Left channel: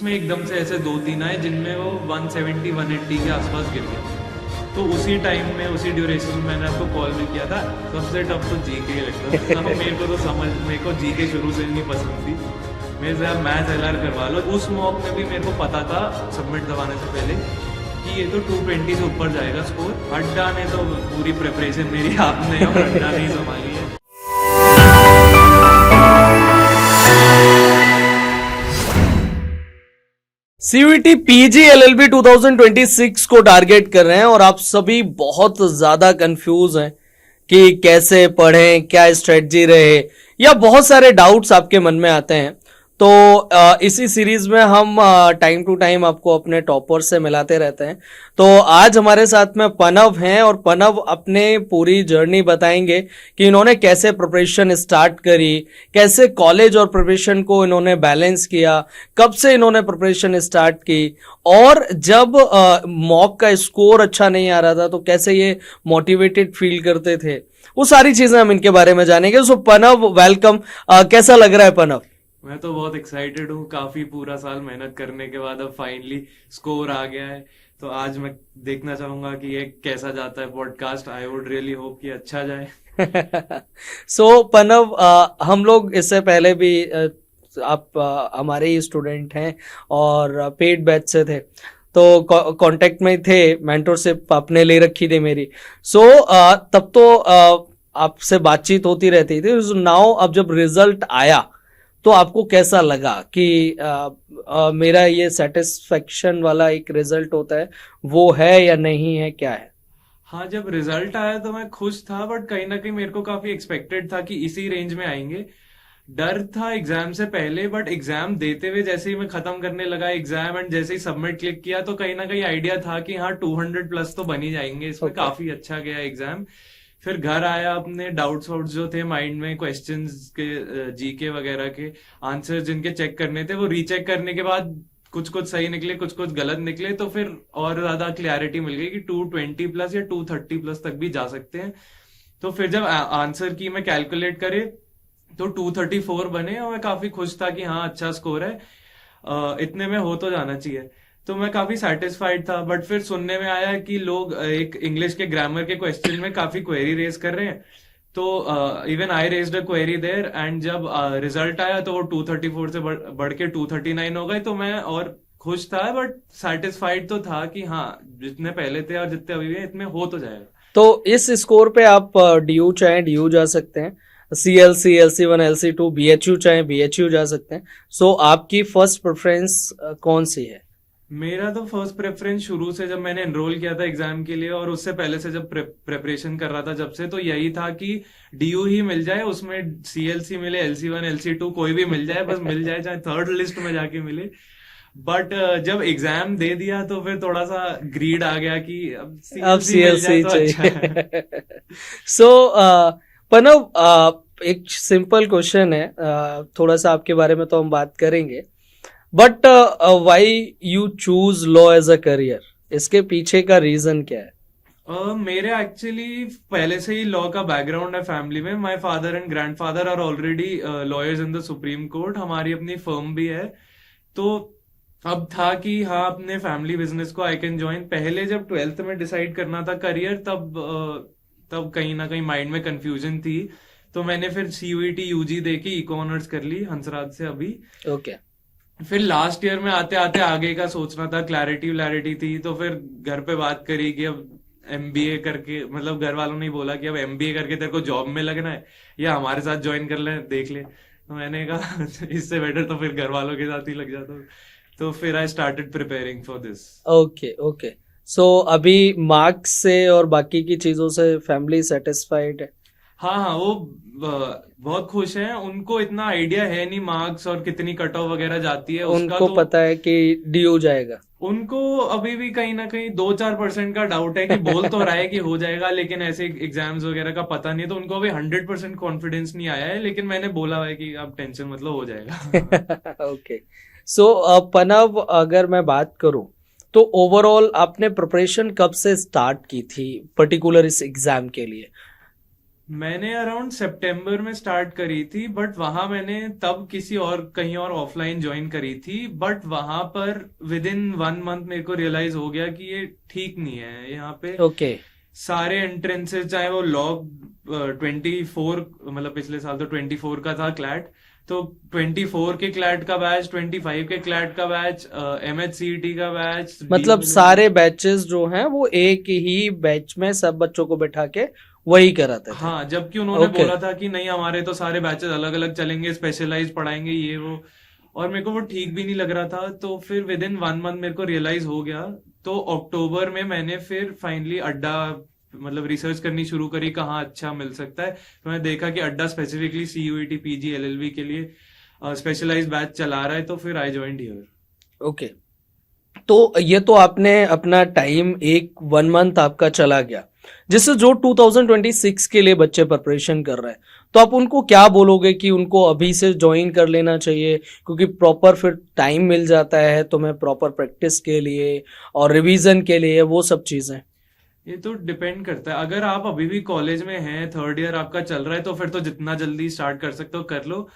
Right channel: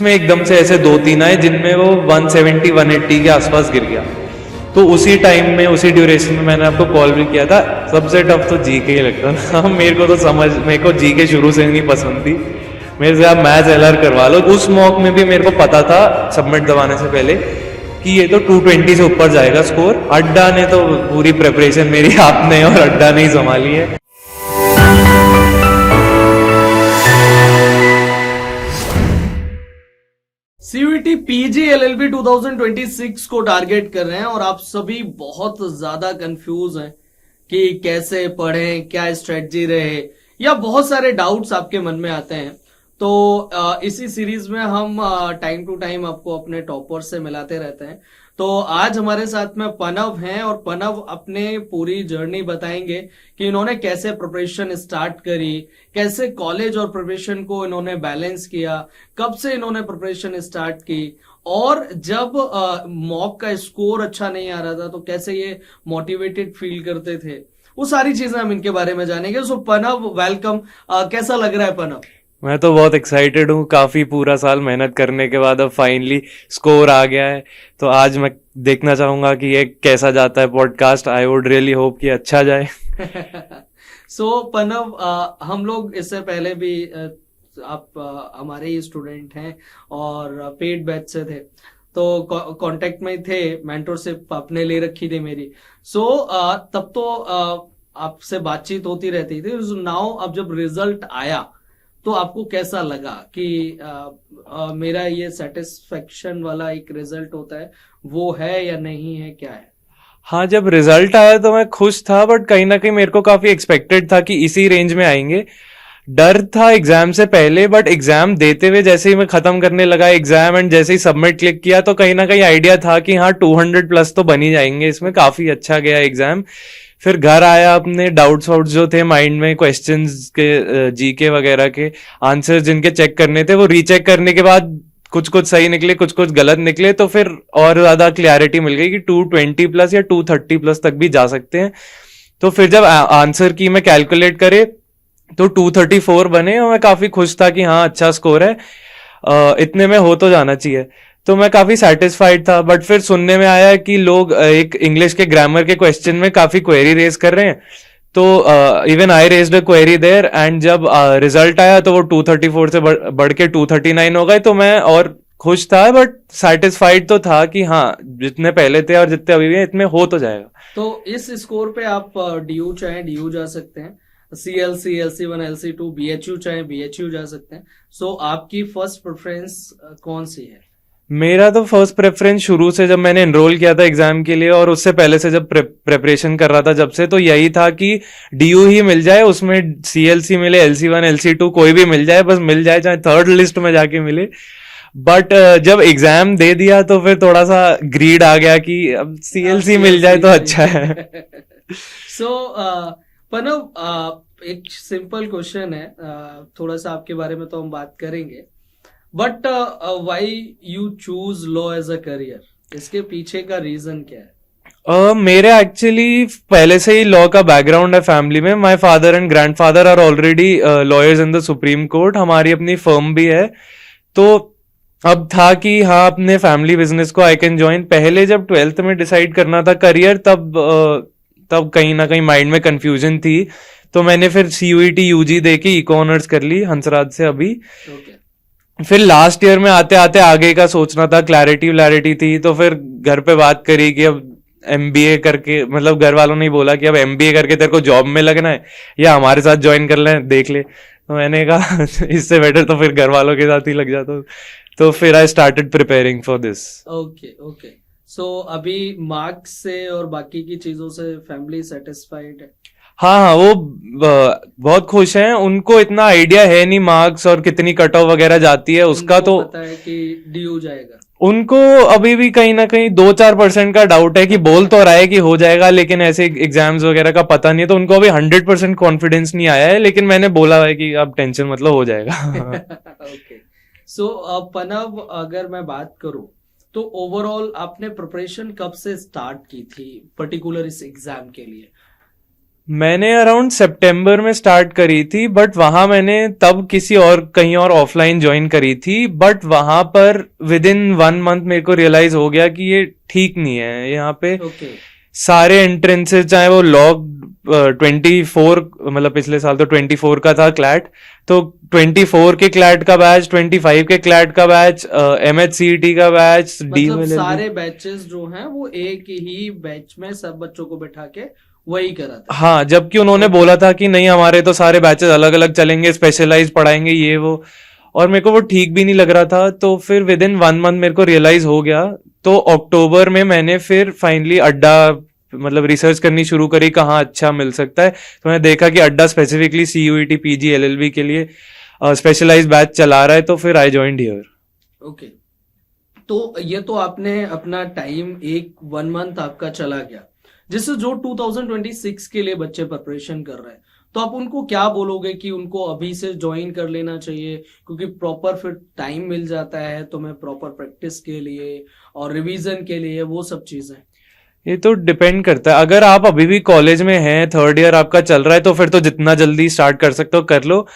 बीच में एकदम से ऐसे 2-3 आए जिनमें वो 170 180 के आसपास गिर गया। तो उसी टाइम में उसी ड्यूरेशन में मैंने आपको कॉल भी किया था। सबसे टफ तो जीके ही लगता था मेरे को जीके शुरू से नहीं पसंद थी। मेरे से आप मैथ्स एलआर करवा लो। उस मॉक में भी मेरे को पता था सबमिट दबाने से पहले कि ये तो 220 से ऊपर जाएगा स्कोर। अड्डा ने तो पूरी प्रिपरेशन मेरी आपने और अड्डा ने ही संभाली है। सीयूईटी पीजी एलएलबी 2026 को टारगेट कर रहे हैं और आप सभी बहुत ज्यादा कंफ्यूज हैं कि कैसे पढ़ें, क्या स्ट्रेटजी रहे, या बहुत सारे डाउट्स आपके मन में आते हैं। तो इसी सीरीज में हम टाइम टू टाइम आपको अपने टॉपर से मिलाते रहते हैं। तो आज हमारे साथ में पनव हैं और पनव अपने पूरी जर्नी बताएंगे कि इन्होंने कैसे प्रिपरेशन स्टार्ट करी, कैसे कॉलेज और प्रिपरेशन को इन्होंने बैलेंस किया, कब से इन्होंने प्रिपरेशन स्टार्ट की, और जब मॉक का स्कोर अच्छा नहीं आ रहा था तो कैसे ये मोटिवेटेड फील करते थे। वो सारी चीजें हम इनके बारे में जानेंगे। सो पनव, वेलकम। कैसा लग रहा है पनव? मैं तो बहुत एक्साइटेड हूँ। काफी पूरा साल मेहनत करने के बाद अब फाइनली स्कोर आ गया है। तो आज मैं देखना चाहूंगा कि ये कैसा जाता है podcast. I would really hope कि अच्छा जाए। सो पनव, हम लोग इससे पहले भी आप हमारे ही स्टूडेंट हैं और पेड बैच से थे, तो कांटेक्ट में थे, मेंटरशिप आपने ले रखी थी मेरी। सो तब तो आपसे बातचीत होती रहती थी। नाउ अब जब रिजल्ट आया तो आपको कैसा लगा कि मेरा ये सेटिस्फेक्शन वाला एक रिजल्ट होता है, वो है या नहीं है, क्या है? हाँ, जब रिजल्ट आया तो मैं खुश था, बट कहीं ना कहीं मेरे को काफी एक्सपेक्टेड था कि इसी रेंज में आएंगे। डर था एग्जाम से पहले, बट एग्जाम देते हुए जैसे ही मैं खत्म करने लगा एग्जाम एंड जैसे ही सबमिट क्लिक किया तो कहीं ना कहीं आइडिया था कि हाँ 200 प्लस तो बन ही जाएंगे इसमें। काफी अच्छा गया एग्जाम। फिर घर आया, अपने डाउट्स वाउट्स जो थे माइंड में, क्वेश्चंस के जीके वगैरह के आंसर्स जिनके चेक करने थे वो रीचेक करने के बाद कुछ कुछ सही निकले, कुछ कुछ गलत निकले। तो फिर और ज्यादा क्लैरिटी मिल गई कि 220 प्लस या 230 प्लस तक भी जा सकते हैं। तो फिर जब आंसर की मैं कैलकुलेट करे तो 234 बने और मैं काफी खुश था कि हाँ अच्छा स्कोर है, इतने में हो तो जाना चाहिए। तो मैं काफी सेटिस्फाइड था। बट फिर सुनने में आया कि लोग एक इंग्लिश के ग्रामर के क्वेश्चन में काफी क्वेरी रेज कर रहे हैं। तो even I raised a query there and जब रिजल्ट आया तो वो 234 से बढ़ के 239 हो गए। तो मैं और खुश था, बट सेटिस्फाइड तो था कि हाँ जितने पहले थे और जितने अभी हैं इतने हो तो जाएगा। तो इस स्कोर पे आप डीयू चाहे डीयू जा सकते हैं, सीएलसी, LC1, LC2, बीएचयू चाहे बीएचयू जा सकते हैं। सो आपकी फर्स्ट प्रेफरेंस कौन सी है? मेरा तो फर्स्ट प्रेफरेंस शुरू से जब मैंने एनरोल किया था एग्जाम के लिए और उससे पहले से जब प्रेपरेशन कर रहा था जब से, तो यही था कि डीयू ही मिल जाए, उसमें सीएलसी मिले, LC1 LC2 कोई भी मिल जाए, बस मिल जाए, चाहे थर्ड लिस्ट में जाके मिले। बट जब एग्जाम दे दिया तो फिर थोड़ा सा ग्रीड आ गया कि अब सीएलसी मिल जाए तो अच्छा है। सो पनव, एक सिंपल क्वेश्चन है, थोड़ा सा आपके बारे में तो हम बात करेंगे, but why you choose law as a career? इसके पीछे का रीजन क्या है? मेरे एक्चुअली पहले से ही लॉ का बैकग्राउंड है फैमिली में। My father and grandfather are already lawyers in the supreme court. हमारी अपनी फर्म भी है। तो अब था कि हाँ अपने फैमिली बिजनेस को आई कैन ज्वाइन। पहले जब 12th में डिसाइड करना था करियर, तब कहीं ना कहीं माइंड में कंफ्यूजन थी। तो मैंने फिर सीयूईटी यूजी दे के इको ऑनर्स कर ली हंसराज से अभी। ओके। फिर लास्ट ईयर में आते आते आगे का सोचना था, क्लैरिटी थी। तो फिर घर पे बात करी कि अब एमबीए करके, मतलब घर वालों ने बोला कि अब एमबीए करके तेरे को जॉब में लगना है या हमारे साथ ज्वाइन कर ले, देख ले। तो मैंने कहा इससे बेटर तो फिर घर वालों के साथ ही लग जाता। तो फिर I started preparing for this. Okay. So अभी मार्क्स से और बाकी की चीजों से फैमिली सेटिस्फाइड है? हाँ, वो बहुत खुश हैं। उनको इतना आइडिया है नहीं मार्क्स और कितनी कट ऑफ वगैरह जाती है उसका, उनको तो पता है कि डीयू जाएगा। उनको अभी भी कहीं ना कहीं 2-4% का डाउट है कि बोल तो रहा है कि हो जाएगा, लेकिन ऐसे एग्जाम्स वगैरह का पता नहीं है। तो उनको अभी 100% कॉन्फिडेंस नहीं आया है, लेकिन मैंने बोला है कि अब टेंशन मतलब हो जाएगा। ओके। सो पनव, अगर मैं बात करूं तो ओवरऑल आपने प्रिपरेशन कब से स्टार्ट की थी पर्टिकुलर इस एग्जाम के लिए? मैंने अराउंड सितंबर में स्टार्ट करी थी, बट वहां मैंने तब किसी और कहीं और ऑफलाइन ज्वाइन करी थी, बट वहां पर विद इन 1 मंथ मेरे को रियलाइज हो गया कि ये ठीक नहीं है यहाँ पे। ओके। सारे एंट्रेंसेस चाहे वो लॉग 24, मतलब पिछले साल तो 24 का था क्लैट, तो 24 के क्लैट का बैच, 25 के क्लैट का बैच, MHCET का बैच, मतलब DULLB। सारे बैचेस जो हैं वो एक ही बैच में सब बच्चों को बैठा के वही कराते थे। हाँ, जबकि उन्होंने ओके। बोला था कि नहीं हमारे तो सारे बैचेस अलग अलग चलेंगे, स्पेशलाइज पढ़ाएंगे ये वो, और मेरे को वो ठीक भी नहीं लग रहा था। तो फिर विद इन 1 मंथ मेरे को रियलाइज हो गया। तो अक्टूबर में मैंने फिर फाइनली अड्डा, मतलब रिसर्च करनी शुरू करी कहाँ अच्छा मिल सकता है। तो मैंने देखा कि अड्डा स्पेसिफिकली CUET PG LLB के लिए स्पेशलाइज बैच चला रहा है, तो फिर आई जॉइंड हियर। ओके। तो ये तो आपने अपना टाइम 1 मंथ आपका चला गया, जिससे जो 2026 के लिए बच्चे प्रिपरेशन कर रहे हैं, तो आप उनको क्या बोलोगे कि उनको अभी से ज्वाइन कर लेना चाहिए, क्योंकि प्रॉपर फिर टाइम मिल जाता है तुम्हें प्रॉपर प्रैक्टिस के लिए और रिवीजन के लिए, वो सब चीजें। ये तो डिपेंड करता है। अगर आप अभी भी कॉलेज में हैं, 3rd ईयर आपका चल रहा है, तो फिर तो जितना जल्दी स्टार्ट कर सकते हो कर लो।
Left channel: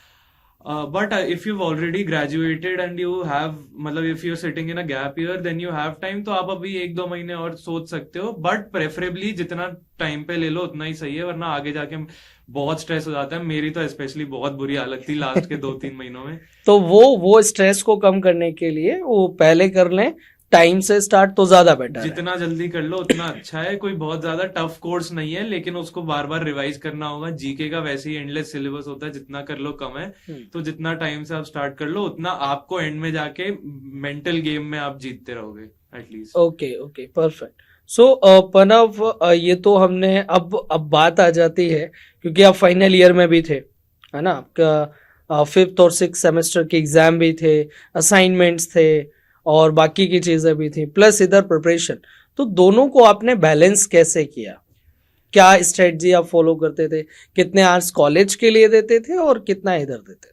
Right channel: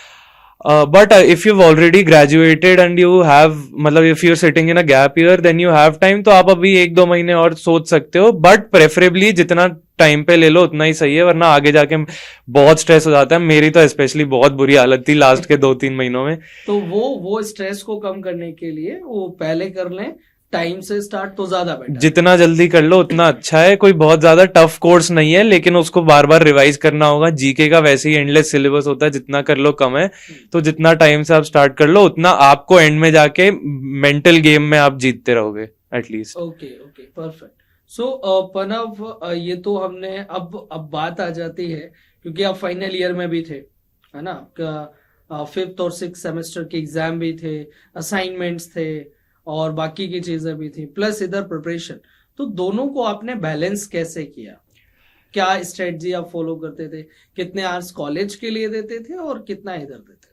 But if you already graduated and you have, मतलब if you are sitting in a gap year, then you have time, तो आप अभी 1-2 महीने और सोच सकते हो। बट प्रेफरेबली जितना टाइम पे ले लो उतना ही सही है, वरना आगे जाके बहुत स्ट्रेस हो जाता है। मेरी तो स्पेशली बहुत बुरी हालत थी लास्ट के 2-3 महीनों में। तो वो स्ट्रेस को कम करने के लिए वो पहले कर लें, टाइम से स्टार्ट तो ज्यादा बेटर है। जितना जल्दी कर लो उतना अच्छा है। कोई बहुत ज्यादा टफ कोर्स नहीं है, लेकिन उसको बार बार रिवाइज करना होगा। जीके का वैसे ही एंडलेस सिलेबस होता है, जितना कर लो कम है। तो जितना टाइम से आप स्टार्ट कर लो उतना आपको एंड में जाके मेंटल गेम में आप जीतते रहोगे at least. Okay okay, perfect. So Pranav, ये तो हमने अब बात आ जाती है, क्योंकि आप फाइनल ईयर में भी थे, है ना, आपका 5th और 6th सेमेस्टर के एग्जाम भी थे, असाइनमेंट्स थे और बाकी की चीजें भी थी, प्लस इधर प्रिपरेशन। तो दोनों को आपने बैलेंस कैसे किया? क्या स्ट्रेटजी आप फॉलो करते थे? कितने आवर्स कॉलेज के लिए देते थे और कितना इधर देते थे?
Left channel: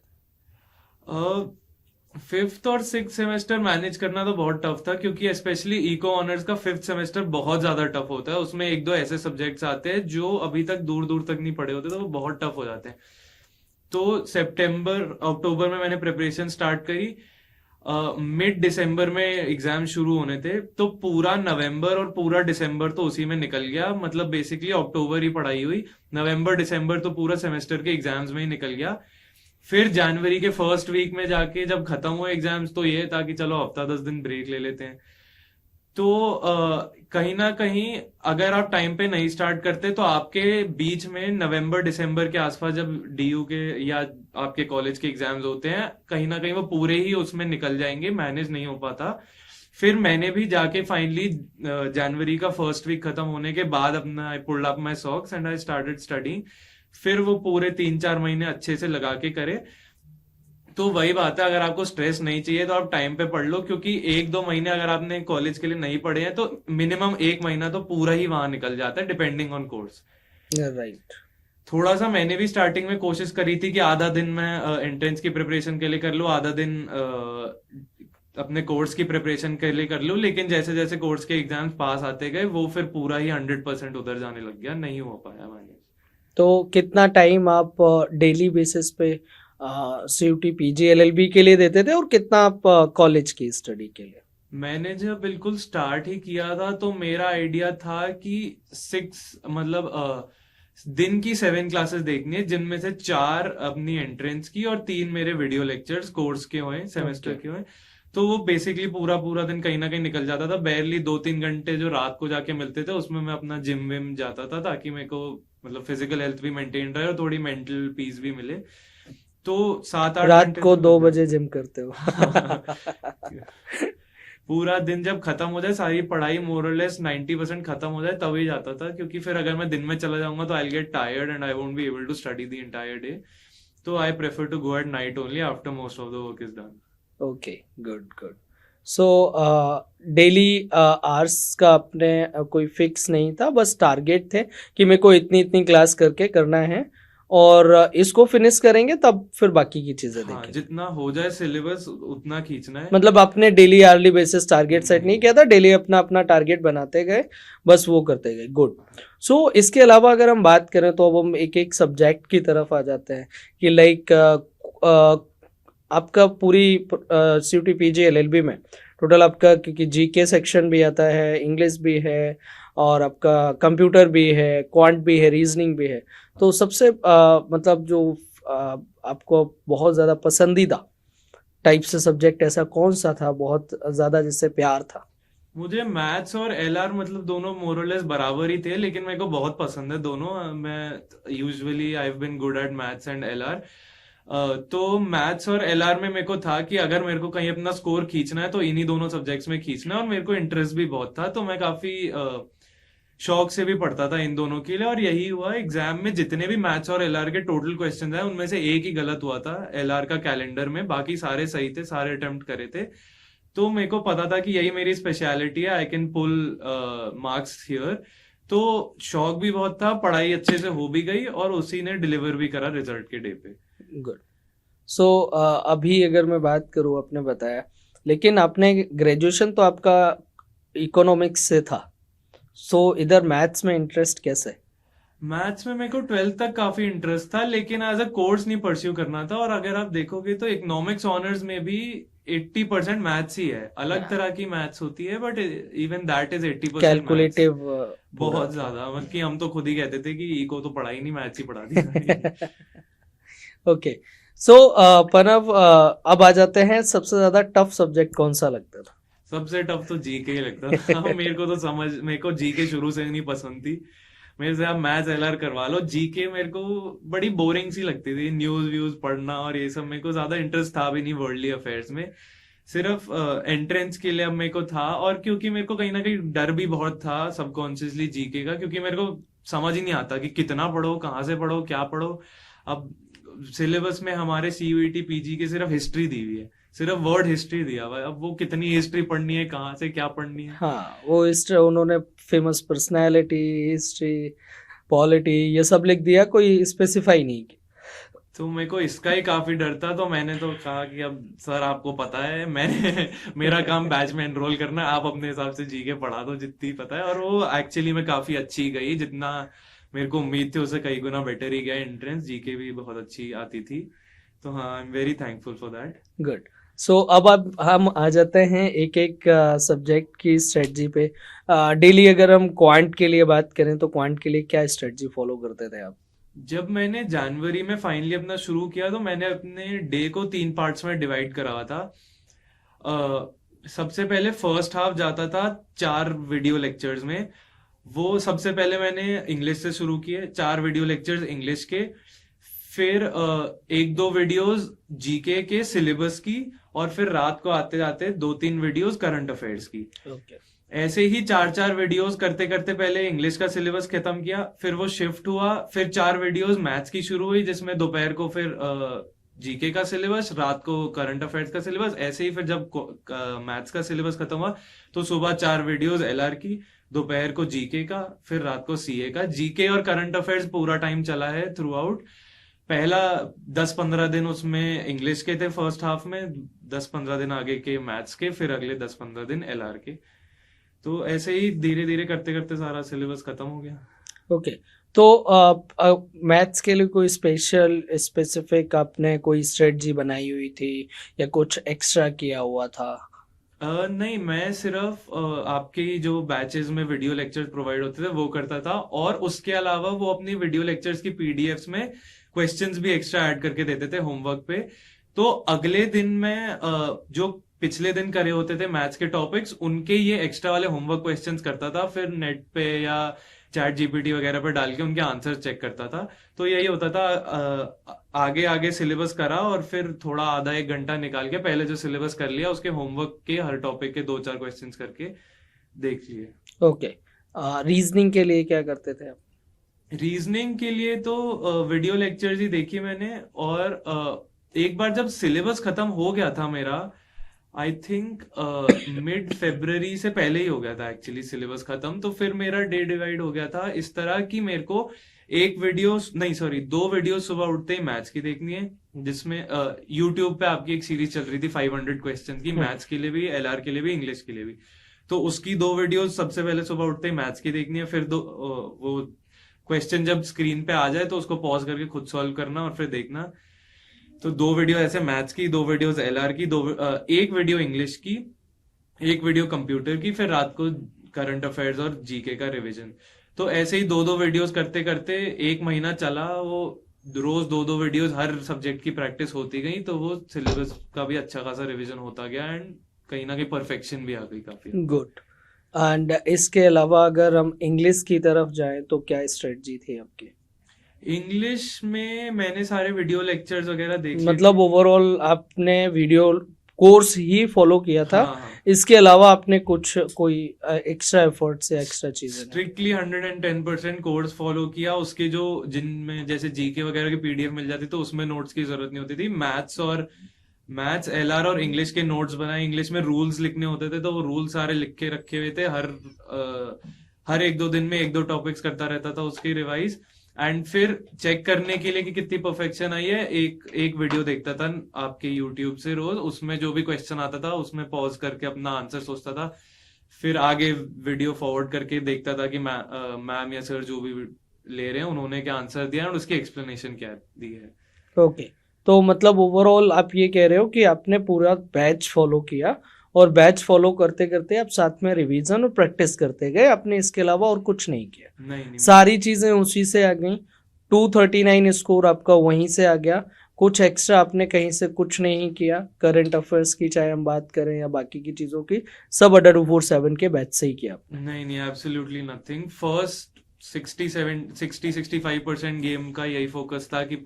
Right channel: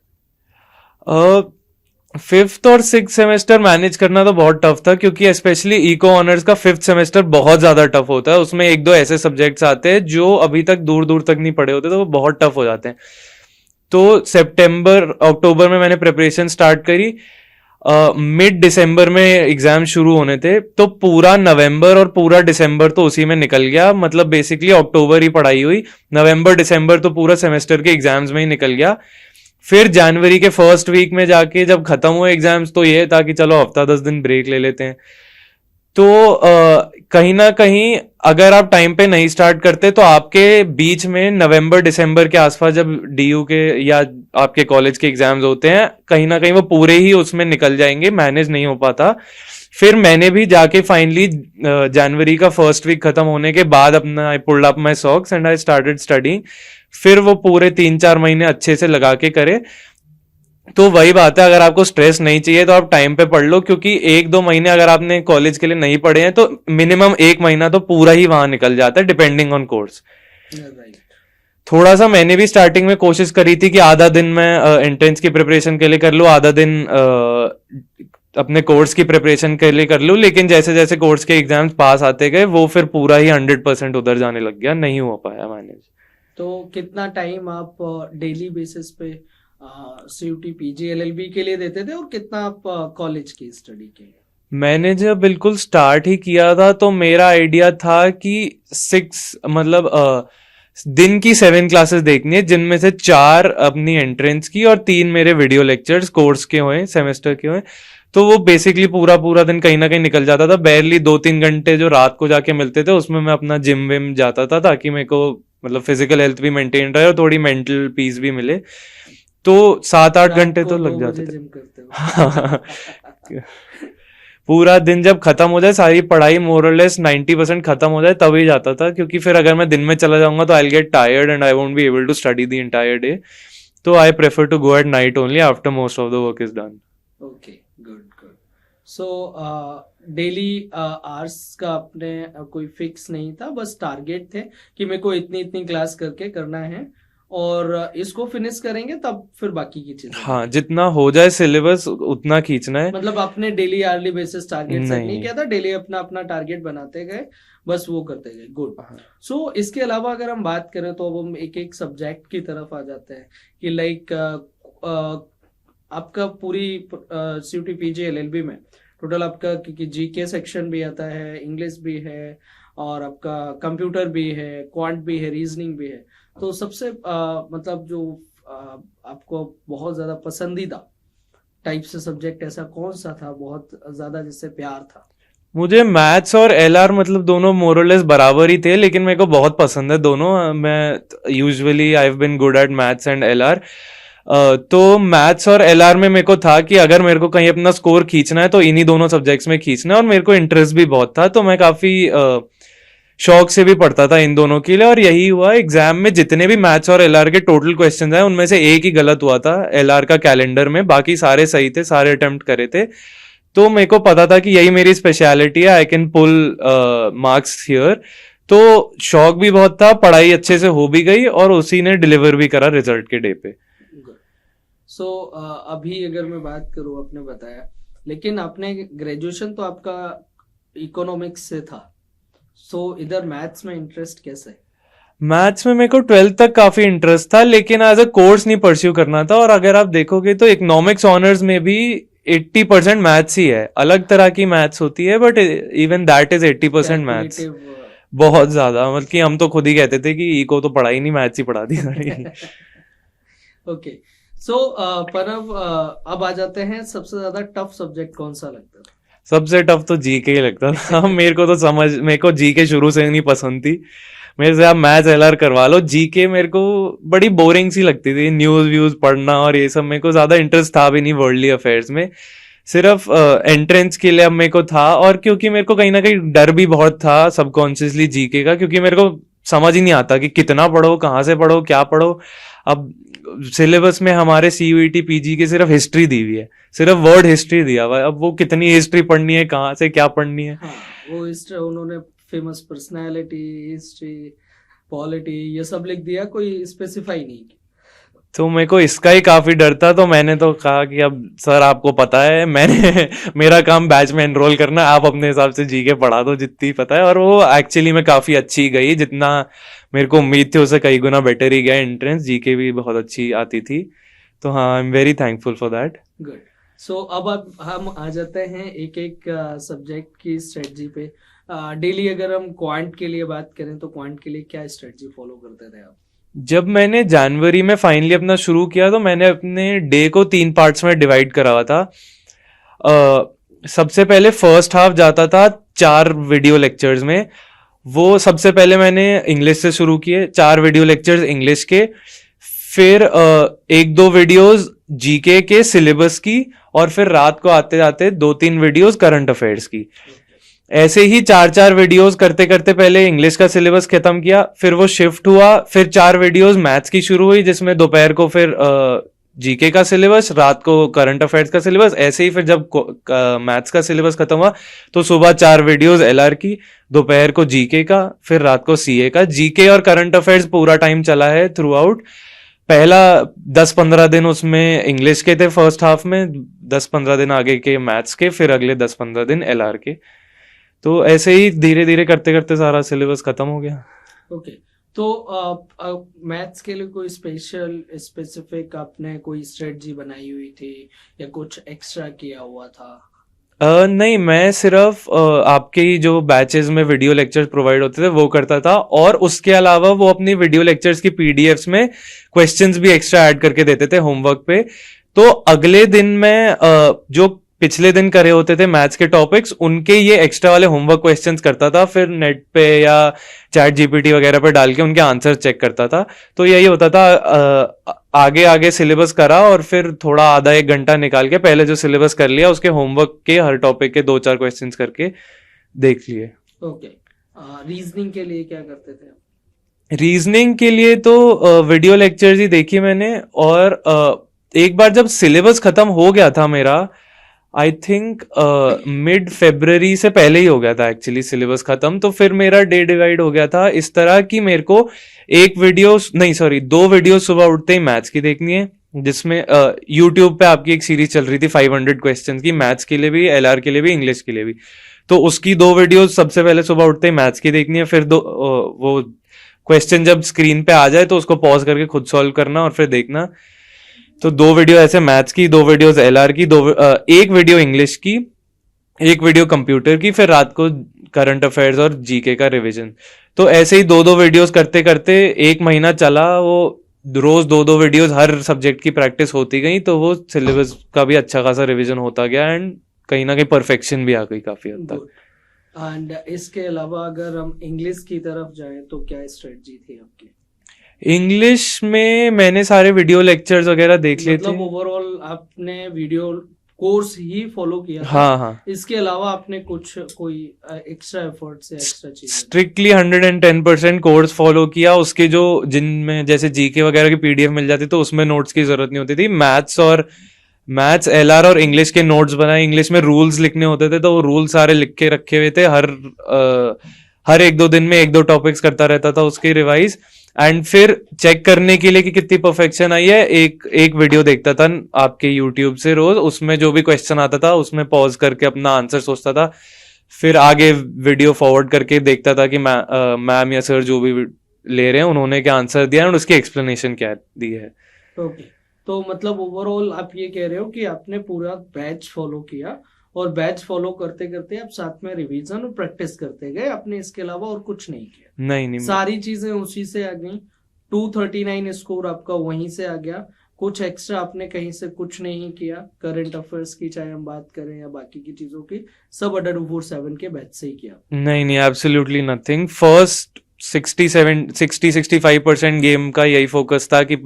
5th और 6th सेमेस्टर मैनेज करना तो बहुत टफ था, क्योंकि स्पेशली इको ऑनर्स का 5th सेमेस्टर बहुत ज्यादा टफ होता है। उसमें 1-2 ऐसे सब्जेक्ट्स आते हैं जो अभी तक दूर दूर तक नहीं पढ़े होते, तो वो बहुत टफ हो जाते हैं। तो सितंबर अक्टूबर में मैंने प्रिपरेशन स्टार्ट करी। मिड दिसंबर में एग्जाम शुरू होने थे, तो पूरा नवंबर और पूरा दिसंबर तो उसी में निकल गया। मतलब बेसिकली अक्टूबर ही पढ़ाई हुई, नवंबर दिसंबर तो पूरा सेमेस्टर के एग्जाम्स में ही निकल गया। फिर जनवरी के फर्स्ट वीक में जाके जब खत्म हुए एग्जाम्स, तो ये था कि चलो हफ्ता 10 दिन ब्रेक ले लेते हैं। तो कहीं ना कहीं अगर आप टाइम पे नहीं स्टार्ट करते, तो आपके बीच में नवंबर दिसंबर के आसपास जब DU के या आपके कॉलेज के एग्जाम्स होते हैं, कहीं ना कहीं वो पूरे ही उसमें निकल जाएंगे, मैनेज नहीं हो पाता। फिर मैंने भी जाके फाइनली जनवरी का फर्स्ट वीक खत्म होने के बाद अपना I pulled up my socks and I started studying. फिर वो पूरे 3-4 महीने अच्छे से लगा के करे। तो वही बात है, अगर आपको स्ट्रेस नहीं चाहिए तो आप टाइम पे पढ़ लो, क्योंकि 1-2 महीने अगर आपने कॉलेज के लिए नहीं पढ़े हैं, तो मिनिमम 1 महीना तो पूरा ही वहां निकल जाता है, डिपेंडिंग ऑन कोर्स। राइट। थोड़ा सा मैंने भी स्टार्टिंग में कोशिश करी थी कि आधा दिन मैं एंट्रेंस की प्रिपरेशन के लिए कर लूँ, आधा दिन अपने कोर्स की प्रिपरेशन के लिए कर लूँ। लेकिन जैसे जैसे कोर्स के एग्जाम्स पास आते गए, वो फिर पूरा ही 100% उधर जाने लग गया, नहीं हो पाया मैनेज। तो कितना टाइम आप डेली बेसिस पे CUT PG LLB के लिए देते थे और कितना आप कॉलेज की स्टडी के लिए? मैंने जब बिल्कुल स्टार्ट ही किया था, तो मेरा आइडिया था कि 6, मतलब दिन की 7 क्लासेस देखनी है, जिनमें से 4 अपनी एंट्रेंस की और 3 मेरे वीडियो लेक्चर्स कोर्स के हुए, सेमेस्टर के हुए। तो वो बेसिकली पूरा पूरा दिन कहीं ना कहीं निकल जाता था। बैरली 2-3 घंटे जो रात को जाके मिलते थे, उसमें मैं अपना जिम विम जाता था, ताकि मेरे को मतलब फिजिकल हेल्थ भी मेंटेन रहे और थोड़ी मेंटल पीस भी मिले। तो 7-8 रात घंटे को तो 2 लग बजे जाते थे। जिम करते हो? पूरा दिन जब खत्म हो जाए, सारी पढ़ाई मोरलेस 90% खत्म हो जाए, तभी जाता था। क्योंकि फिर अगर मैं दिन में चला जाऊंगा तो I will get tired and I won't be able to study the entire day. तो I prefer to go at night only after most of the work is done. Okay, good good. So daily hours का अपने कोई fix नहीं था, बस target थे कि मेरे को इतनी इतनी क्लास करके करना है और इसको फिनिश करेंगे तब फिर बाकी की चीजें हाँ, देखेंगे। जितना हो जाए सिलेबस उतना खींचना है। मतलब आपने daily hourly basis target set नहीं नहीं। किया था, डेली अपना अपना टारगेट बनाते गए, बस वो करते गए। गुड। हाँ। सो इसके अलावा अगर हम बात करें तो अब हम एक एक सब्जेक्ट की तरफ आ जाते हैं कि लाइक आपका पूरी सीयूटी पीजी एलएलबी में टोटल आपका, क्योंकि जीके सेक्शन भी आता है, इंग्लिश भी है, और आपका कंप्यूटर भी है, क्वांट भी है, रीजनिंग भी है, तो सबसे मतलब जो आपको बहुत ज़्यादा पसंदीदा टाइप से सब्जेक्ट ऐसा कौन सा था बहुत ज़्यादा जिससे प्यार था? मुझे मैथ्स और एलआर मतलब दोनों मोरलेस बराबर ही थे, लेकिन मेरे को बहुत पसंद है दोनों। मैं usually I have been good at maths and LR. तो मैथ्स और एलआर में मेरे को था कि अगर मेरे को कहीं अपना स्कोर खींचना है तो इन्हीं दोनों सब्जेक्ट्स में खींचना है, और मेरे को इंटरेस्ट भी बहुत था, तो मैं काफी शौक से भी पढ़ता था इन दोनों के लिए। और यही हुआ, एग्जाम में जितने भी मैथ्स और एलआर के टोटल क्वेश्चन आए उनमें से एक ही गलत हुआ था एलआर का कैलेंडर में, बाकी सारे सही थे, सारे अटेम्प्ट करे थे। तो मेरे को पता था कि यही मेरी स्पेशलिटी है, I can pull marks here. तो शौक भी बहुत था, पढ़ाई अच्छे से हो भी गई, और उसी ने डिलीवर भी करा रिजल्ट के डे पे। गुड। सो अभी अगर मैं बात करूँ, आपने बताया, लेकिन आपने ग्रेजुएशन तो आपका इकोनॉमिक्स से था, सो इधर मैथ्स में इंटरेस्ट कैसे? मैथ्स में मेरे को 12th तक काफी इंटरेस्ट था, लेकिन एज अ कोर्स नहीं परस्यू करना था। और अगर आप देखोगे तो इकोनॉमिक्स ऑनर्स में भी 80% मैथ्स ही है। अलग तरह की मैथ्स होती है, but even that is 80% maths. Calculative. बहुत ज्यादा, मतलब कि हम तो खुद ही कहते थे कि इको तो पढ़ा ही नहीं, मैथ्स ही पढ़ा दी सारी। ओके। सो प्रणव, अब आ जाते हैं, सबसे ज्यादा टफ सब्जेक्ट कौन सा लगता था? सबसे टफ तो जीके ही लगता था। मेरे को जीके शुरू से नहीं पसंद थी। मेरे से आप मैथ्स एलआर करवा लो, जीके मेरे को बड़ी बोरिंग सी लगती थी। न्यूज व्यूज पढ़ना और ये सब मेरे को ज्यादा इंटरेस्ट था भी नहीं वर्ल्डली अफेयर्स में। सिर्फ एंट्रेंस के लिए अब मेरे को था, और क्योंकि मेरे को कहीं ना कहीं डर भी बहुत था सबकॉन्शियसली जीके का, क्योंकि मेरे को समझ ही नहीं आता कि कितना पढ़ो, कहाँ से पढ़ो, क्या पढ़ो। अब सिलेबस में हमारे सीयूईटी पीजी की सिर्फ हिस्ट्री दी हुई है, सिर्फ वर्ड हिस्ट्री दिया हुआ है। अब वो कितनी हिस्ट्री पढ़नी है, कहाँ से क्या पढ़नी है। हाँ, वो हिस्ट्री उन्होंने फेमस पर्सनालिटी, हिस्ट्री, पॉलिटी, ये सब लिख दिया, कोई स्पेसिफाई नहीं किया। तो मेरे को इसका ही काफी डर था, तो मैंने तो कहा कि अब सर आपको पता है, मैंने मेरा काम बैच में एनरोल करना है, आप अपने हिसाब से जीके पढ़ा दो जितनी पता है। और वो एक्चुअली में काफी अच्छी गई, जितना मेरे को उम्मीद थी उससे कई गुना बेटर ही गया। एंट्रेंस जीके भी बहुत अच्छी आती थी, तो हाँ, I am very thankful for that. Good. So अब हम आ जाते हैं एक एक सब्जेक्ट की स्ट्रेटजी पे। डेली अगर हम क्वांट के लिए बात करें तो क्वांट के लिए क्या स्ट्रेटजी फॉलो करते थे आप? जब मैंने जनवरी में फाइनली अपना शुरू किया तो मैंने अपने डे को 3 पार्ट्स में डिवाइड करा हुआ था। सबसे पहले फर्स्ट हाफ जाता था 4 वीडियो लेक्चर्स में। वो सबसे पहले मैंने इंग्लिश से शुरू किए, 4 वीडियो लेक्चर्स इंग्लिश के, फिर 1-2 वीडियोस जीके के सिलेबस की, और फिर रात को आते जाते 2-3 वीडियोस करंट अफेयर्स की। ऐसे ही 4-4 वीडियोस करते करते पहले इंग्लिश का सिलेबस खत्म किया, फिर वो शिफ्ट हुआ, फिर 4 वीडियोस मैथ्स की शुरू हुई, जिसमें दोपहर को फिर जीके का सिलेबस, रात को करंट अफेयर्स का सिलेबस। ऐसे ही फिर जब मैथ्स का सिलेबस खत्म हुआ तो सुबह 4 वीडियोस एलआर की, दोपहर को जीके का, फिर रात को सीए का। जीके और करंट अफेयर्स पूरा टाइम चला है थ्रू आउट। पहला 10-15 दिन उसमें इंग्लिश के थे फर्स्ट हाफ में, 10-15 दिन आगे के मैथ्स के, फिर अगले 10-15 दिन एलआर के। तो ऐसे ही धीरे धीरे करते करते सारा सिलेबस खत्म हो गया। ओके। तो मैथ्स के लिए कोई स्पेसिफिक आपने कोई स्ट्रेटजी बनाई हुई थी या कुछ एक्स्ट्रा किया हुआ था? नहीं, मैं सिर्फ आपके ही जो बैचेस में वीडियो लेक्चर्स प्रोवाइड होते थे वो करता था, और उसके अलावा वो अपनी वीडियो लेक्चर्स की पीडीएफ्स में क्वेश्चंस भी एक्स्ट्रा ऐड करके देते थे होमवर्क पे। तो अगले दिन में जो पिछले दिन करे होते थे मैथ्स के टॉपिक्स, उनके ये एक्स्ट्रा वाले होमवर्क क्वेश्चंस करता था, फिर नेट पे या चैट जीपीटी वगैरह पे डाल के उनके आंसर चेक करता था। तो यही होता था, आगे आगे सिलेबस करा, और फिर थोड़ा आधा 1 घंटा निकाल के पहले जो सिलेबस कर लिया उसके होमवर्क के हर टॉपिक के 2-4 क्वेश्चंस करके देख लिए। ओके। रीजनिंग के लिए क्या करते थे आप? रीजनिंग के लिए तो वीडियो लेक्चर्स ही देखी मैंने, और एक बार जब सिलेबस खत्म हो गया था मेरा, आई थिंक मिड फेब्रवरी से पहले ही हो गया था एक्चुअली सिलेबस खत्म, तो फिर मेरा डे डिवाइड हो गया था इस तरह कि मेरे को एक वीडियो नहीं सॉरी 2 वीडियो सुबह उठते ही मैथ्स की देखनी है, जिसमें यूट्यूब पे आपकी एक सीरीज चल रही थी 500 क्वेश्चन की, मैथ्स के लिए भी, एलआर के लिए भी, इंग्लिश के लिए भी। तो उसकी 2 वीडियो सबसे पहले सुबह उठते ही मैथ्स की देखनी है, फिर वो क्वेश्चन जब स्क्रीन पे आ जाए तो उसको पॉज करके खुद सॉल्व करना और फिर देखना। तो 2 वीडियो ऐसे मैथ्स की, 2 वीडियोस एलआर की, एक वीडियो इंग्लिश की, एक वीडियो कंप्यूटर की, फिर रात को करंट अफेयर्स और जीके का रिवीजन। तो ऐसे ही 2-2 वीडियोस करते करते 1 महीना चला वो। रोज 2-2 वीडियोस हर सब्जेक्ट की प्रैक्टिस होती गई, तो वो सिलेबस का भी अच्छा खासा रिवीजन होता गया एंड कहीं ना कहीं परफेक्शन भी आ गई काफी हद तक। गुड। एंड इसके अलावा अगर हम इंग्लिश की तरफ जाएं तो क्या स्ट्रेटजी थी आपकी? इंग्लिश में मैंने सारे वीडियो लेक्चर्स वगैरह देख लिए मतलब थे। ओवरऑल आपने वीडियो कोर्स ही फॉलो किया था, हाँ हाँ, इसके अलावा आपने कुछ कोई एक्स्ट्रा एफर्ट्स या एक्स्ट्रा चीजें? स्ट्रिक्टली 110% कोर्स फॉलो किया। उसके जो जिनमें जैसे जीके वगैरह की पीडीएफ मिल जाती तो उसमें नोट्स की जरूरत नहीं होती थी। मैथ्स एलआर और इंग्लिश के नोट्स बनाए। इंग्लिश में रूल्स लिखने होते थे तो वो रूल सारे लिख के रखे हुए थे। हर 1-2 दिन में 1-2 टॉपिक्स करता रहता था उसकी रिवाइज। एंड फिर चेक करने के लिए कि कितनी परफेक्शन आई है, एक एक वीडियो देखता था आपके यूट्यूब से रोज, उसमें जो भी क्वेश्चन आता था उसमें पॉज करके अपना आंसर सोचता था, फिर आगे वीडियो फॉरवर्ड करके देखता था कि मैम या सर जो भी ले रहे हैं उन्होंने क्या आंसर दिया है और उसकी एक्सप्लेनेशन क्या दी है। ओके, तो मतलब ओवरऑल आप ये कह रहे हो कि आपने पूरा बैच फॉलो किया और बैच फॉलो करते करते आप साथ में रिवीजन और प्रैक्टिस करते गए, आपने इसके अलावा और कुछ नहीं किया? नहीं नहीं, सारी चीजें उसी से आ गई, 239 स्कोर आपका वहीं से आ गया, कुछ एक्स्ट्रा आपने कहीं से कुछ नहीं किया? करंट अफेयर्स की चाहे हम बात करें या बाकी की चीजों की, सब अड्डा 247 के बैच से ही किया? नहीं नहीं, एब्सोल्युटली नथिंग। फर्स्ट 60-65% गेम का यही फोकस था कि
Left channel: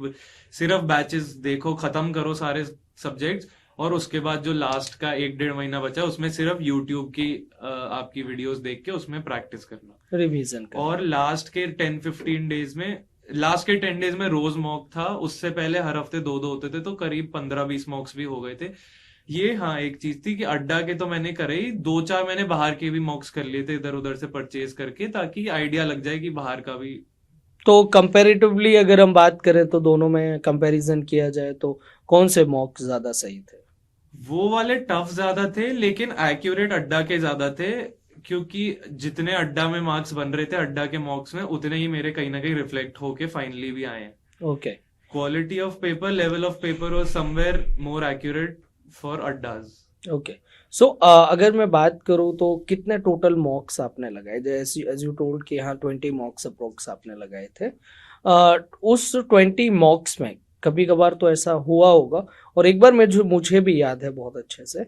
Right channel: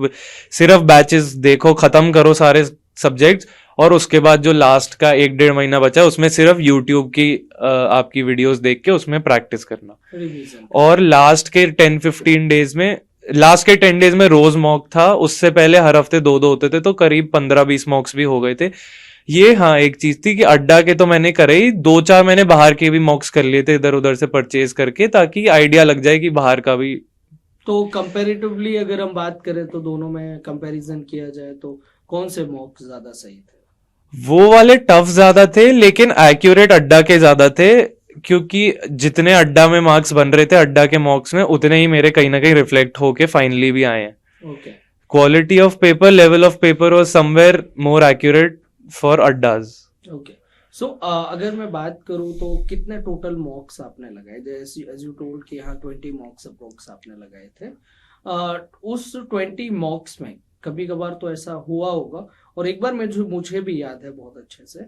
सिर्फ बैचेस देखो, खत्म करो सारे सब्जेक्ट्स, और उसके बाद जो लास्ट का 1-1.5 महीना बचा उसमें सिर्फ यूट्यूब की आपकी वीडियोस देख के उसमें प्रैक्टिस करना। रिवीजन। और लास्ट के 10 डेज में रोज मॉक था। उससे पहले हर हफ्ते 2-2 होते थे, तो करीब 15-20 मॉक्स भी हो गए थे। ये हाँ एक चीज थी कि अड्डा के तो मैंने करे ही, 2-4 मैंने बाहर के भी मॉक्स कर लिए थे इधर उधर से परचेज करके, ताकि आइडिया लग जाए कि बाहर का भी। तो कंपैरेटिवली अगर हम बात करें तो दोनों में कंपैरिजन किया जाए तो कौन से मॉक ज्यादा सही थे? वो वाले टफ ज्यादा थे लेकिन एक्यूरेट अड्डा के ज्यादा थे, क्योंकि जितने अड्डा में मार्क्स बन रहे थे अड्डा के मॉक्स में, उतने ही मेरे कहीं ना कहीं रिफ्लेक्ट होके फाइनली भी आए हैं। Okay. Quality of paper, level of paper was somewhere more accurate for Adda's. Okay, so अगर मैं बात करूं तो कितने टोटल मॉक्स आपने लगाए? जैसे एज यू टोल्ड कि हाँ 20 मॉक्स अप्रोक्स आपने लगाए थे। उस 20 मॉक्स में कभी कभार तो ऐसा हुआ होगा, और एक बार मुझे भी याद है बहुत अच्छे से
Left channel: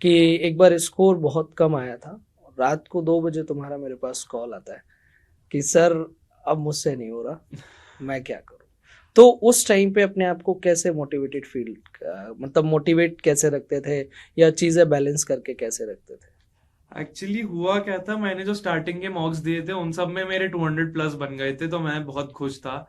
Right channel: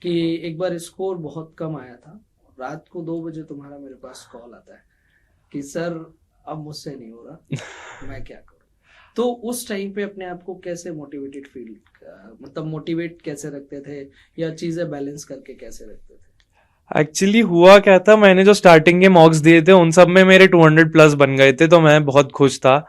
कि एक बार स्कोर बहुत कम आया था, रात को 2 बजे तुम्हारा मेरे पास कॉल आता है कि सर अब मुझसे नहीं हो रहा, मैं क्या करूं? तो उस टाइम पे अपने आप को कैसे मोटिवेटेड फील, मतलब मोटिवेट कैसे रखते थे या चीजें बैलेंस करके कैसे रखते थे? एक्चुअली हुआ क्या था, मैंने जो स्टार्टिंग के मॉक्स दिए थे उन सब में मेरे 200 प्लस बन गए थे, तो मैं बहुत खुश था।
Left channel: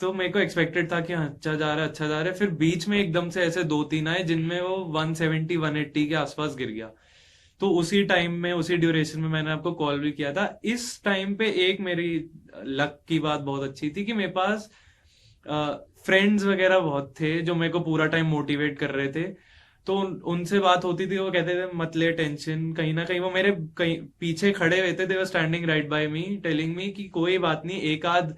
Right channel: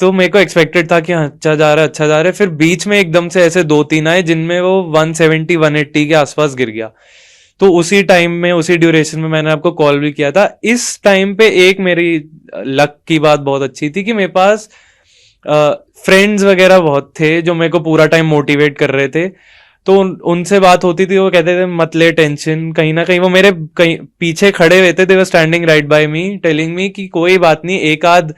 तो मेरे को एक्सपेक्टेड था कि हाँ, अच्छा जा रहा है अच्छा जा रहा है। फिर बीच में एकदम से ऐसे 2-3 आए जिनमें वो 170-180 के आसपास गिर गया। तो उसी टाइम में, उसी ड्यूरेशन में मैंने आपको कॉल भी किया था। इस टाइम पे एक मेरी लक की बात बहुत अच्छी थी कि मेरे पास फ्रेंड्स वगैरह बहुत थे जो मेरे को पूरा टाइम मोटिवेट कर रहे थे। तो उनसे बात होती थी, वो कहते थे मत ले टेंशन, कहीं ना कहीं वो मेरे कहीं पीछे खड़े हुए थे। They were standing right by me telling me कि कोई बात नहीं, एक आध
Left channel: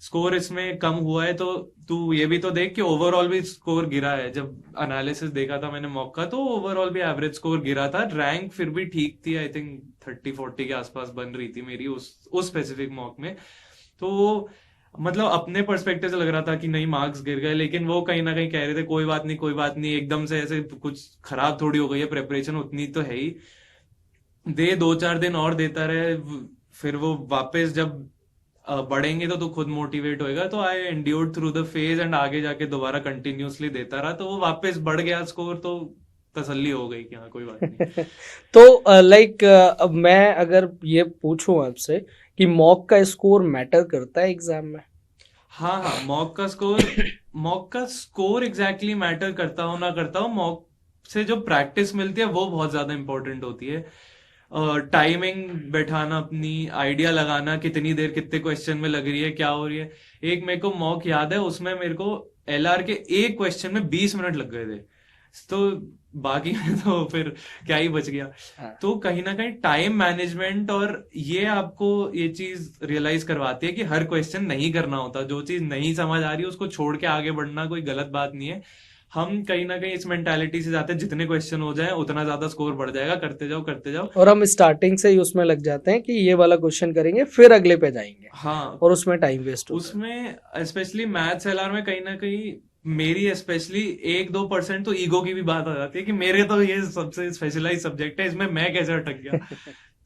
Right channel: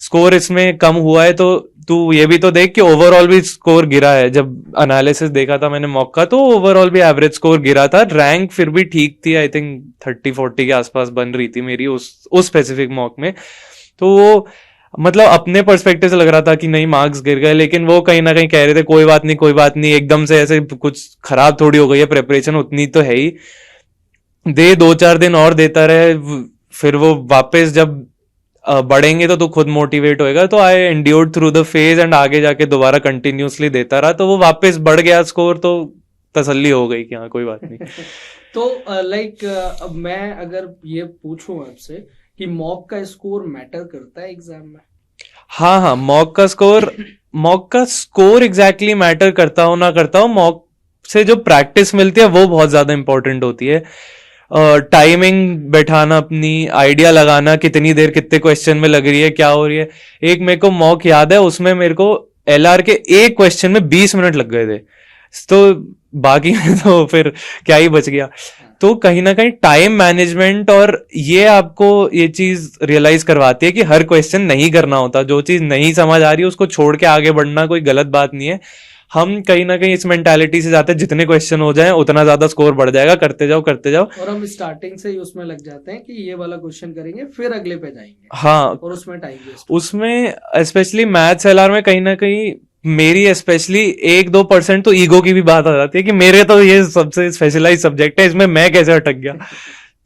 स्कोर इसमें कम हुआ है तो तू ये भी तो देख कि ओवरऑल भी स्कोर गिरा है। जब एनालिसिस देखा था मैंने मॉक का, तो ओवरऑल भी एवरेज स्कोर गिरा था। रैंक फिर भी ठीक थी, आई थिंक 30-40 के आसपास बन रही थी मेरी उस स्पेसिफिक मॉक में। तो वो मतलब अपने पर्सपेक्टिव से लग रहा था कि नहीं मार्क्स गिर गए, लेकिन वो कहीं ना कहीं कह रहे थे कोई बात नहीं कोई बात नहीं, एकदम से ऐसे कुछ खराब थोड़ी हो गई है, प्रेपरेशन उतनी तो है ही, दे 2-4 दिन और देता रहे, फिर वो वापस जब बढ़ेंगे तो तू खुद मोटिवेट होएगा। तो I endured through the phase and आगे जाके दोबारा कंटिन्यूसली देता रहा, तो वो वापस बढ़ गया स्कोर, तो तसल्ली हो गई कि हाँ कोई बात नहीं। तो लाइक अब मैं अगर ये पूछूं आपसे कि मॉक का स्कोर मैटर करता है एग्जाम में? हाँ हाँ, मॉक का स्कोर एग्जैक्टली मैटर करता हो ना करता हो, मॉक से जो प्रैक्टिस मिलती है वो बहुत ज्यादा इंपॉर्टेंट होती है। टाइमिंग बैठाना, अपनी आइडिया लगाना, कितनी देर कितने क्वेश्चन में लग रही है, क्या हो रही है। एक मेरे को मॉक याद है, उसमें मेरे को LR के एक क्वेश्चन में 20 मिनट लग गए थे, तो बाकी में तो फिर क्या ही बच गया। तो कहीं ना कहीं टाइम मैनेजमेंट, और ये आपको ये चीज रियलाइज करवाती है कि हर क्वेश्चन नहीं करना होता। जो चीज नहीं समझ आ रही है उसको छोड़ के आगे बढ़ना कोई गलत बात नहीं है। हम कहीं ना कहीं इस मेंटालिटी से जाते हैं जितने क्वेश्चन हो जाएं उतना ज्यादा स्कोर बढ़ जाएगा, करते जाओ करते जाओ। और हम स्टार्टिंग से ही उसमें लग जाते हैं कि ये वाला क्वेश्चन करेंगे फिर अगले पे जाएंगे, हाँ, और उसमें टाइम वेस्ट। उसमें स्पेशली मैथ्स LR में कहीं ना कहीं मेरी स्पेशली 1-2% तो ईगो की भी बात आ जाती है कि मेरे तो ये सबसे स्पेशलाइज सब्जेक्ट है, इसमें मैं कैसे अटक गया।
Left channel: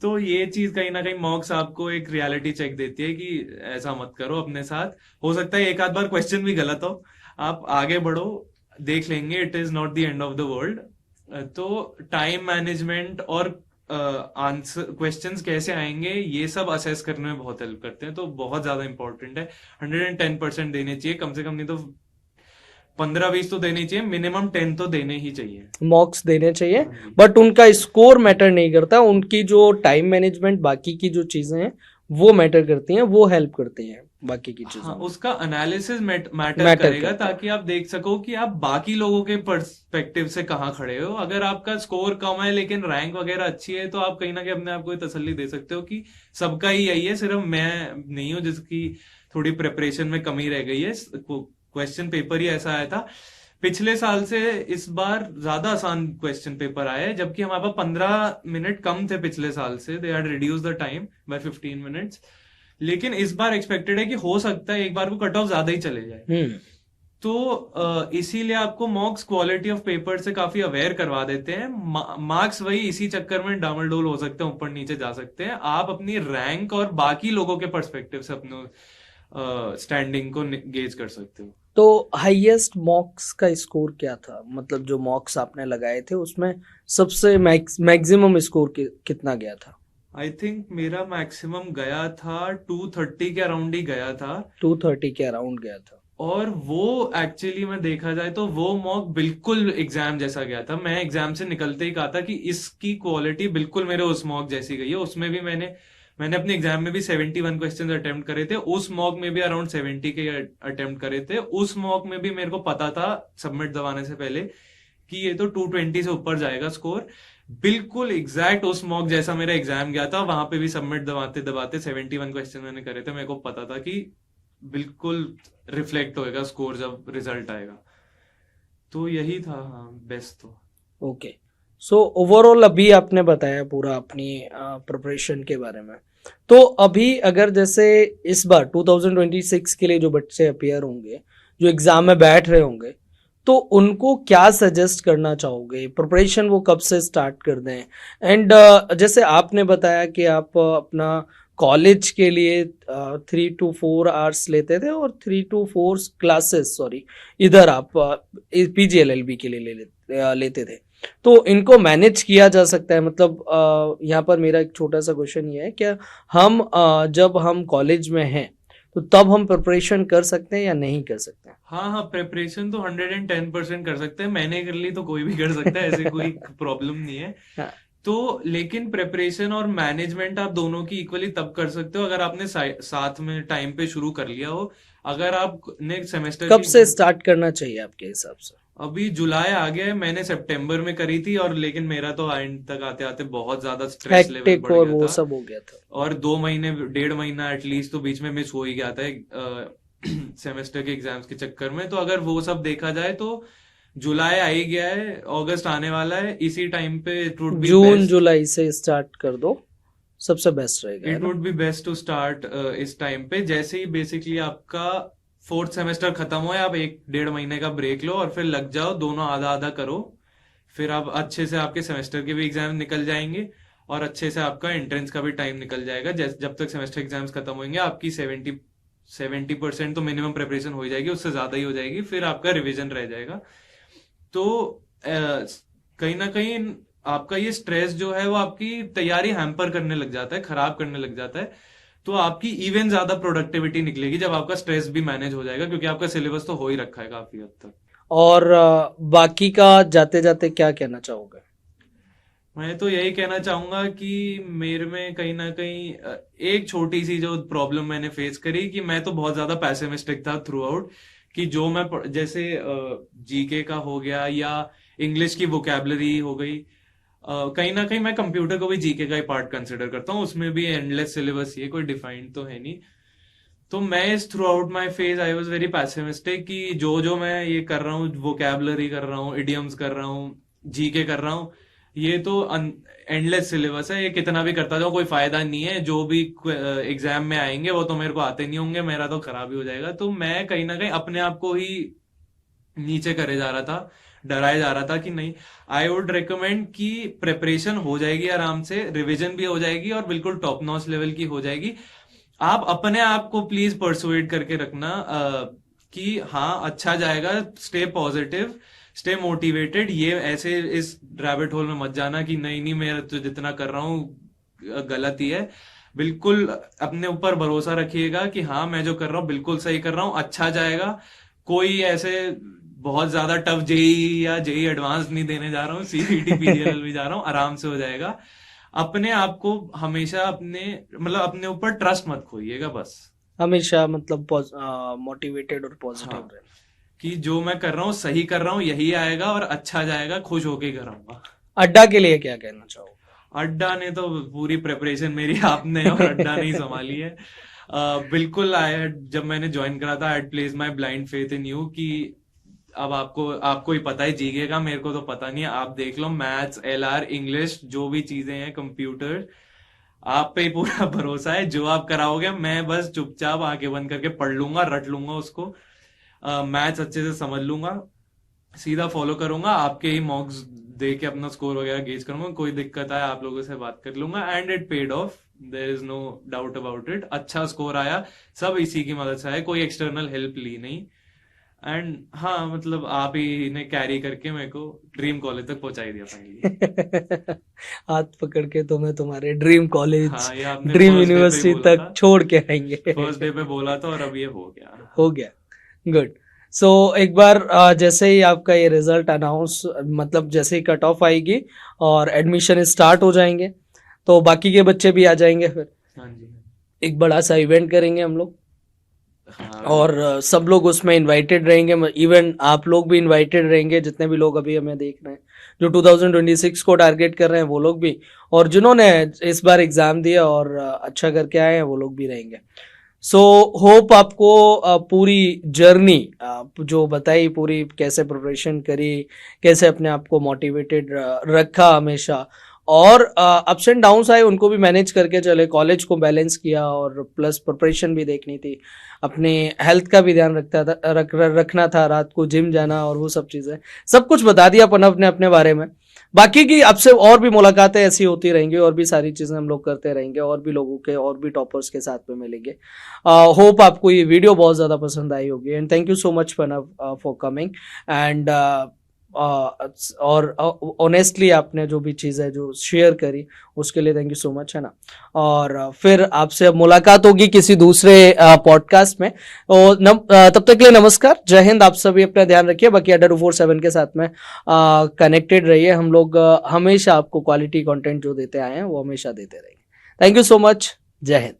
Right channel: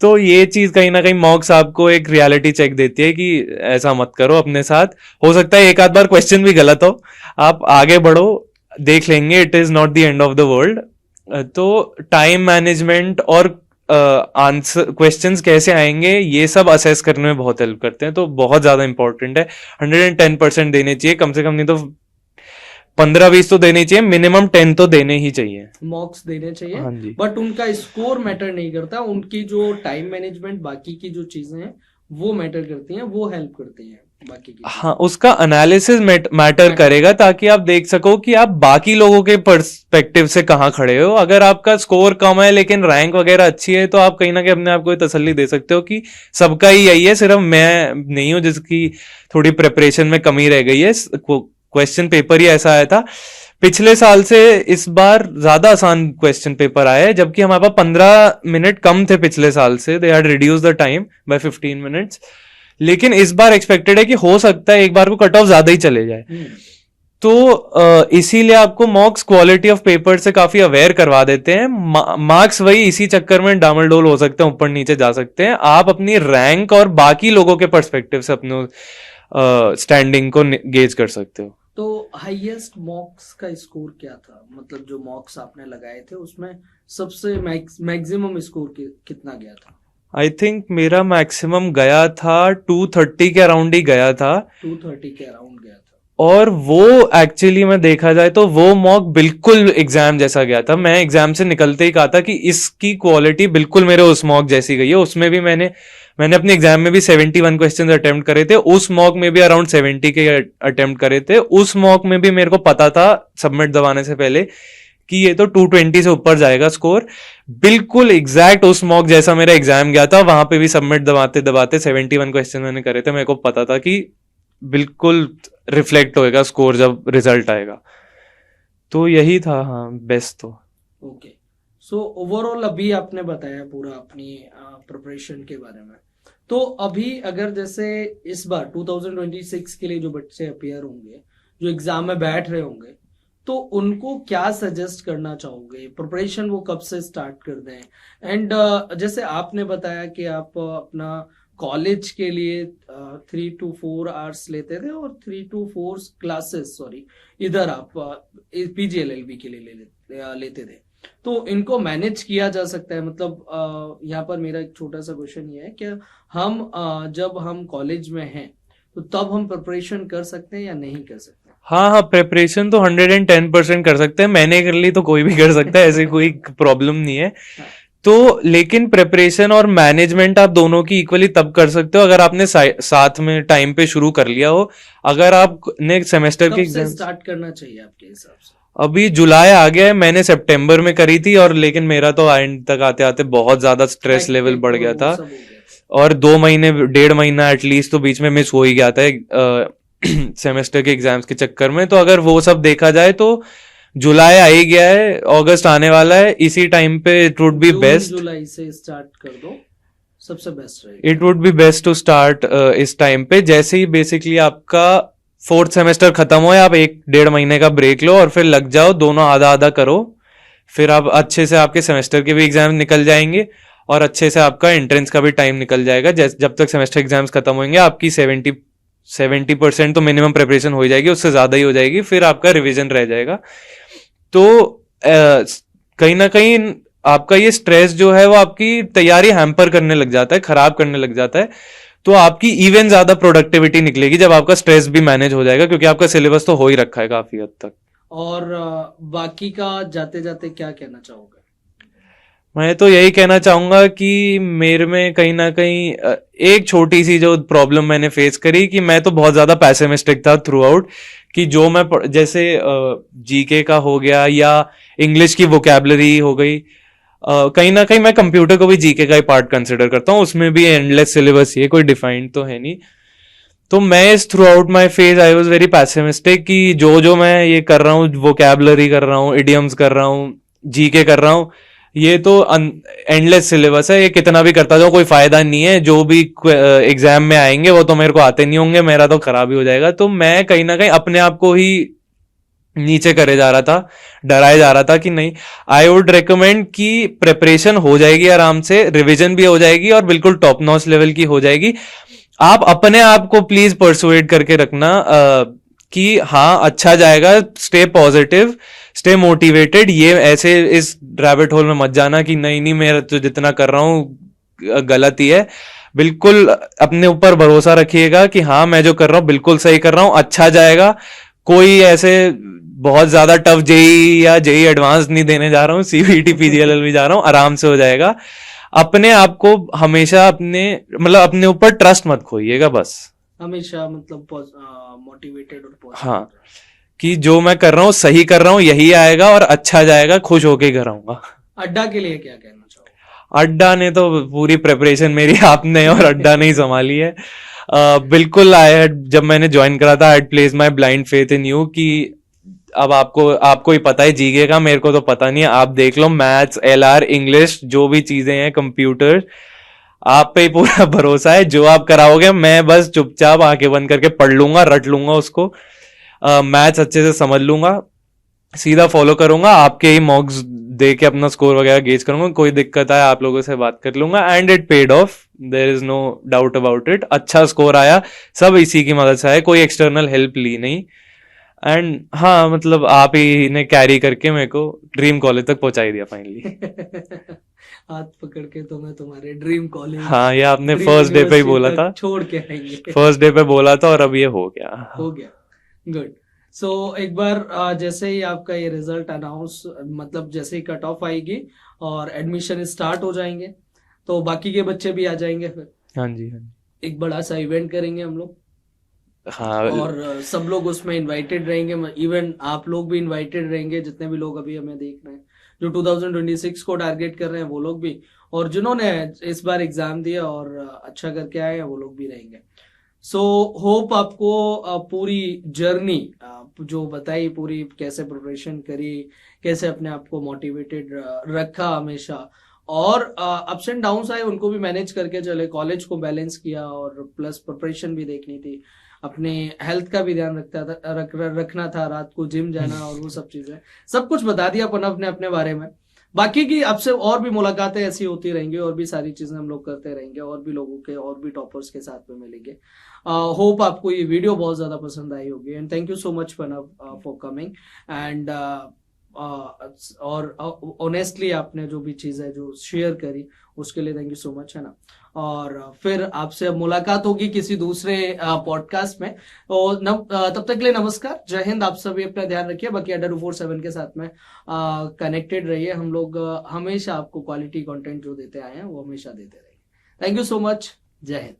तो ये चीज कहीं ना कहीं मॉक्स आपको एक रियलिटी चेक देती है कि ऐसा मत करो अपने साथ। हो सकता है एक आध बार क्वेश्चन भी गलत हो, आप आगे बढ़ो, देख लेंगे, it is not the end of the world. तो टाइम मैनेजमेंट और आंसर क्वेश्चंस कैसे आएंगे ये सब असेस करने में बहुत हेल्प करते हैं, तो बहुत ज्यादा इंपॉर्टेंट है। 110% देने चाहिए कम से कम, नहीं तो 15-20 तो देने चाहिए, मिनिमम 10 तो देने ही चाहिए, मॉक्स देने चाहिए। हाँ जी। बट उनका स्कोर मैटर नहीं करता, उनकी जो टाइम मैनेजमेंट बाकी की जो चीजें हैं वो मैटर करती हैं, वो हेल्प करती हैं बाकी की हाँ, उसका एनालिसिस मैटर करेगा, ताकि आप देख सको कि आप बाकी लोगों के पर्सपेक्टिव से कहाँ खड़े हो। अगर आपका स्कोर कम है लेकिन रैंक वगैरह अच्छी है, तो आप कहीं ना कहीं अपने आप को तसल्ली दे सकते हो कि सबका ही यही है, सिर्फ मैं नहीं हूं जिसकी थोड़ी प्रिपरेशन में कमी रह गई है। क्वेश्चन पेपर ही ऐसा आया था पिछले साल से, इस बार ज्यादा आसान क्वेश्चन पेपर आया है, जबकि हमारे पास 15 मिनट कम थे पिछले साल से। They had reduce the time by 15 minutes. लेकिन इस बार एक्सपेक्टेड है कि हो सकता है एक बार को कट ऑफ ज्यादा ही चले जाए। तो इसीलिए आपको मॉक्स क्वालिटी ऑफ पेपर से काफी अवेयर करवा देते हैं। मार्क्स वही इसी चक्कर में डामलडोल हो सकते हैं, ऊपर नीचे जा सकते हैं। आप अपनी रैंक और बाकी लोगों के पर्सपेक्टिव से अपने स्टैंडिंग को गेज कर सकते हो। तो हाईएस्ट मॉक्स का स्कोर क्या था, मतलब जो मॉक्स आपने लगाए थे उसमें सबसे मैक्सिमम स्कोर कितना गया था? आई थिंक मेरा मैक्सिमम गया था 230 के अराउंड ही गया था। 230 के अराउंड गया था। और वो एक्चुअली में देखा जाए तो वो मॉक बिल्कुल एग्जाम जैसा गया था। मैं एग्जाम से निकलते ही कहा था कि इसकी क्वालिटी बिल्कुल मेरे उस मॉक जैसी गई है। उसमें भी मैंने अपने एग्जाम में भी 71 क्वेश्चन अटेम्प्ट करे थे, उस मॉक में भी अराउंड 70 के अटेम्प्ट करे थे। उस मॉक में भी मेरे को पता था सबमिट दबाने से पहले कि ये तो 220 से ऊपर जाएगा स्कोर। बिल्कुल एग्जैक्ट उस मॉक जैसा मेरा एग्जाम गया था। वहां पे भी सबमिट दबाते दबाते 71 क्वेश्चन मैंने करे थे। मेरे को पता था कि बिल्कुल रिफ्लेक्ट होएगा स्कोर जब रिजल्ट आएगा। तो यही था, हाँ, बेस्ट तो। ओके, सो ओवरऑल अभी आपने बताया पूरा अपनी प्रिपरेशन के बारे में। तो अभी अगर जैसे इस बार 2026 के लिए जो बच्चे अपियर होंगे, जो एग्जाम में बैठ रहे होंगे, तो उनको क्या सजेस्ट करना चाहोगे? प्रिपरेशन वो कब से स्टार्ट कर दें? एंड जैसे आपने बताया कि आप अपना कॉलेज के लिए 3 to 4 आवर्स लेते थे और 3 to 4 क्लासेस इधर आप PGLLB के लिए लेते थे। तो इनको मैनेज किया जा सकता है? मतलब यहाँ पर मेरा एक छोटा सा क्वेश्चन ये है, क्या हम जब हम कॉलेज में हैं तो तब हम प्रिपरेशन कर सकते हैं या नहीं कर सकते हैं? हाँ, प्रिपरेशन तो 110% कर सकते हैं। मैंने कर ली तो कोई भी कर सकता है, ऐसी कोई प्रॉब्लम नहीं है। तो लेकिन प्रिपरेशन और मैनेजमेंट आप दोनों की इक्वली तब कर सकते हो अगर आपने साथ में टाइम पे शुरू कर लिया हो। अगर आपने सेमेस्टर कब से स्टार्ट करना चाहिए आपके हिसाब से? अभी जुलाई आ गया है, मैंने सितंबर में करी थी, और लेकिन मेरा तो एंड तक आते आते बहुत ज्यादा स्ट्रेस लेवल बढ़ गया था, और 2 महीने 1.5 महीना एटलीस्ट तो बीच में मिस हो ही गया था सेमेस्टर के एग्जाम्स के चक्कर में। तो अगर वो सब देखा जाए तो जुलाई आ ही गया है, अगस्त आने वाला है, इसी टाइम पे इट वुड बी बेस्ट। जुलाई से स्टार्ट कर दो, सबसे बेस्ट रहेगा। It would be best to start इस टाइम पे। जैसे ही बेसिकली आपका 4th सेमेस्टर खत्म हो, आप 1-1.5 महीने का ब्रेक लो और फिर लग जाओ, दोनों आधा आधा करो। फिर आप अच्छे से आपके सेमेस्टर के भी एग्जाम निकल जाएंगे और अच्छे से आपका एंट्रेंस का भी टाइम निकल जाएगा। जब तक सेमेस्टर एग्जाम्स खत्म होंगे आपकी 70% तो मिनिमम प्रिपरेशन हो जाएगी, उससे ज्यादा ही हो जाएगी। फिर आपका रिवीजन रह जाएगा। तो कहीं ना कहीं आपका ये स्ट्रेस जो है वो आपकी तैयारी हैम्पर करने लग जाता है, खराब करने लग जाता है। तो आपकी इवन ज्यादा प्रोडक्टिविटी निकलेगी जब आपका स्ट्रेस भी मैनेज हो जाएगा, क्योंकि आपका सिलेबस तो हो ही रखा है काफी हद तक। और बाकी का जाते जाते क्या कहना चाहोगे? मैं तो यही कहना चाहूंगा कि मेरे में कहीं ना कहीं एक छोटी सी जो प्रॉब्लम मैंने फेस करी कि मैं तो बहुत ज्यादा पैसिमिस्टिक था थ्रू आउट, कि जो मैं जैसे जीके का हो गया या इंग्लिश की वोकैबलरी हो गई, कहीं ना कहीं मैं कंप्यूटर को भी जीके का ही पार्ट कंसिडर करता हूँ, उसमें भी एंडलेस सिलेबस ही है, कोई डिफाइंड तो है नहीं। तो मैं इस through out my phase I was very pessimistic कि जो जो मैं ये कर रहा हूँ, वोकैबलरी कर रहा हूँ, इडियम्स कर रहा हूँ, जीके कर रहा हूँ, ये तो एंडलेस सिलेबस है, ये कितना भी करता जाओ कोई फायदा नहीं है, जो भी एग्जाम में आएंगे वो तो मेरे को आते नहीं होंगे, मेरा तो खराब ही हो जाएगा। तो मैं कहीं ना कहीं अपने आप को ही नीचे करे जा रहा था, डराए जा रहा था कि नहीं, आई वुड रिकमेंड कि प्रिपरेशन हो जाएगी आराम से, रिवीजन भी हो जाएगी और बिल्कुल टॉप नॉच लेवल की हो जाएगी। आप अपने आप को प्लीज परसुएट करके रखना कि हाँ अच्छा जाएगा, स्टे पॉजिटिव, स्टे मोटिवेटेड, ये ऐसे इस रैबिट होल में मत जाना कि नहीं नहीं मैं तो जितना कर रहा हूँ गलत ही है। बिल्कुल अपने ऊपर भरोसा रखिएगा कि हाँ मैं जो कर रहा हूँ बिल्कुल सही कर रहा हूँ, अच्छा जाएगा। कोई ऐसे बहुत ज्यादा टफ जेई या जेई एडवांस नहीं देने जा रहा हूँ, सीबीटी पीजीएलएल भी जा रहा हूँ, आराम से हो जाएगा। अपने आप को हमेशा अपने ऊपर ट्रस्ट मत खोइएगा, बस हमेशा मतलब मोटिवेटेड और पॉजिटिव हाँ कि जो मैं कर रहा हूँ सही कर रहा हूँ, यही आएगा और अच्छा जाएगा, खुश होके घर आऊंगा। अड्डा के लिए क्या कहना चाहोगे? अड्डा ने तो पूरी प्रिपरेशन मेरी आपने और अड्डा ने ही संभाली है। बिल्कुल जब मैंने ज्वाइन करा था, I place my blind faith in you कि अब आपको ही पता है जीके का, मेरे को तो पता नहीं है, आप देख लो, मैथ्स, एलआर, इंग्लिश, जो भी चीजें हैं, कंप्यूटर, आप पे ही पूरा भरोसा है, जो आप कराओगे मैं बस चुपचाप आंखें बंद करके पढ़ लूंगा, रट लूंगा उसको, मैथ्स अच्छे से समझ लूंगा, सीधा फॉलो करूंगा, आपके ही मॉक्स दे के अपना स्कोर वगैरह गेज करूंगा, कोई दिक्कत आए आप लोगों से बात कर लूंगा, and it paid off, there is no doubt about it. अच्छा स्कोर आया, सब इसी की मदद से आया, कोई एक्सटर्नल हेल्प ली नहीं। एंड हाँ मतलब आप ही ने कैरी करके मेरे को ड्रीम कॉलेज तक पहुंचा ही दिया फाइनली। हाथ पकड़ के तुम्हें तुम्हारे ड्रीम कॉलेज, हाँ ये आपने ड्रीम फर्स्ट डे पे ही यूनिवर्सिटी बोला तक था, छोड़ के आएंगे। फर्स्ट डे पे बोला था और अब ये हो गया। हो गया, गुड। सो एक बार जैसे ही आपका ये रिजल्ट अनाउंस, मतलब जैसे ही कट ऑफ आएगी और एडमिशन स्टार्ट हो जाएंगे, तो बाकी के बच्चे भी आ जाएंगे, फिर हाँ जी हाँ जी। एक बड़ा सा इवेंट करेंगे हम लोग, हाँ और सब लोग उसमें इनवाइटेड रहेंगे, इवन आप लोग भी इनवाइटेड रहेंगे, जितने भी लोग अभी हमें देख रहे हैं, जो 2026 को टारगेट कर रहे हैं वो लोग भी, और जिन्होंने इस बार एग्जाम दिया और अच्छा करके आए हैं वो लोग भी रहेंगे। सो होप आपको पूरी जर्नी जो बताई, पूरी कैसे प्रिपरेशन करी, कैसे अपने आप को मोटिवेटेड रखा हमेशा, और अप्स एंड डाउन्स आए उनको भी मैनेज करके चले, कॉलेज को बैलेंस किया, और प्लस प्रिपरेशन भी देखनी थी, अपने हेल्थ का भी ध्यान रखना था, रात को जिम जाना और वो सब चीजें, सब कुछ बता दिया प्रणव ने अपने बारे में। बाकी की आपसे और भी मुलाकातें ऐसी होती रहेंगी, और भी सारी चीजें हम लोग करते रहेंगे, और भी लोगों के, और भी टॉपर्स के साथ में मिलेंगे। होप आपको ये वीडियो बहुत ज्यादा पसंद आई होगी, and thank you so much Pranav for coming, and और ऑनेस्टली आपने जो भी चीज़ है जो शेयर करी उसके लिए थैंक यू सो मच, है ना। और फिर आपसे अब मुलाकात होगी किसी दूसरे पॉडकास्ट में, और तब तक के लिए नमस्कार, जय हिंद। आप सभी अपना ध्यान रखिए, बाकी अड्डा 247 के साथ में कनेक्टेड रहिए। हम लोग हमेशा आपको क्वालिटी कंटेंट जो देते आए हैं वो हमेशा देते रहेंगे। थैंक यू सो मच, जय हिंद।